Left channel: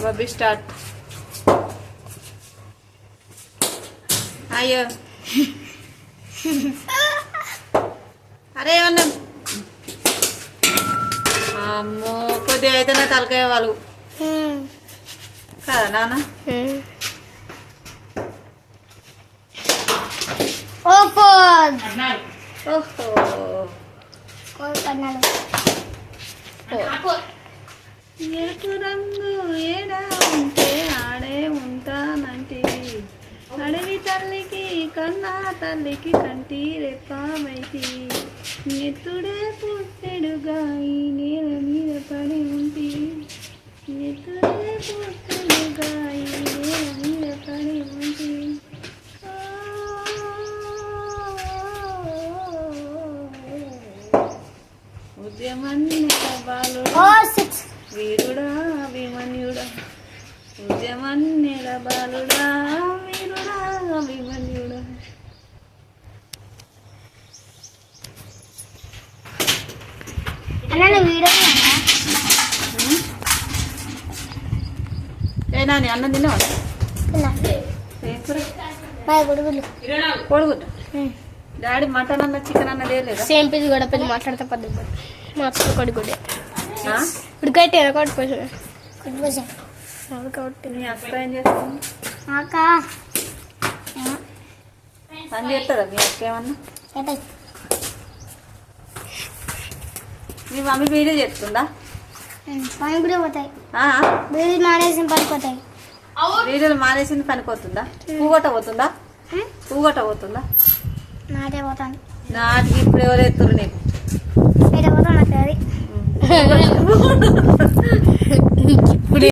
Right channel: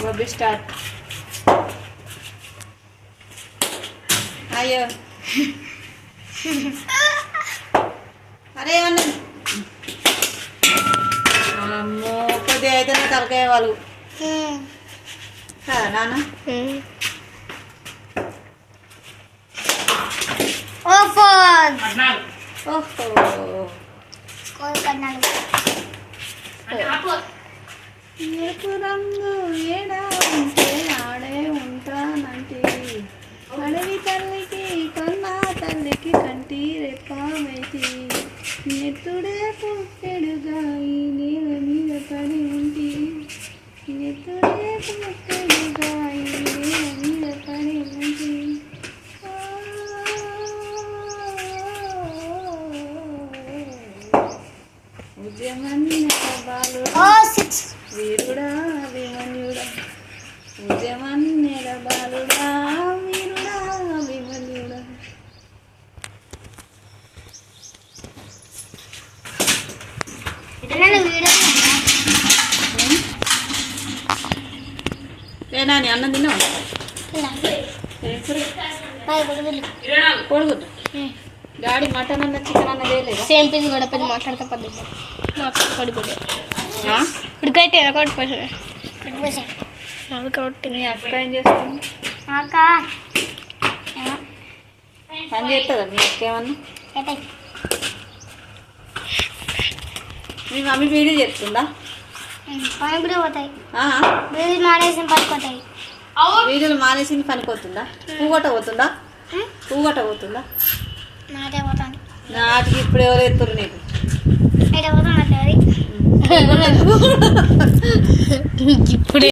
బబ్బీ start. అయ్యో అరే ఏమన్నా అమ్మో కొద్దిగా అయితేనే తలకాయ వాళ్ళు కదా నాన్న. ఓహో ఎరుపు రంగు ఏడా ఉంటే ఆడే ఉంటానంటే అడవి తల్లికి కొన్న తల్లికి కంటి రెప్పమైతి నెత్తుడే పుట్టెడుగా ఈ నేల మీద పడి ఉంటి నెత్తుడే పుట్టెడుగా ఈ నేల మీద పడి ఉంటి ఉద్యమన్నేల బాలుడా వీరుడా అభిమన్యుడా ఉద్యమన్నేల బాలుడా వీరుడా అభిమన్యుడా. ఏ నాని అన్నం తిన్నావా? కొడుకుద్దా డాడీ మటన్ అన్న చికెన్ అన్న తేలేదా? సేమ్ పీస్ కూడా పెద్ద మాట్లాడతా పద్ధతి కొడుకుడే ఉడికైతే కాబట్టి నీ అక్క ఏం చేస్తుంది? పని చేస్తుందా మీ అక్క ఏమన్నా? మీ మమ్మీ వీడియో చేస్తుందా? కూడా పోతాయి మానేసి పడిపోతాయి. వీడియోలు మానేసింది పనిపోతుందా? పూగొట్ట పోతుందా? పూగొట్ట పోతుందా? నాటే పోతాను. నాటికి ఇప్పుడు ఎవరు ఎత్తురు నీకు? ఇప్పుడే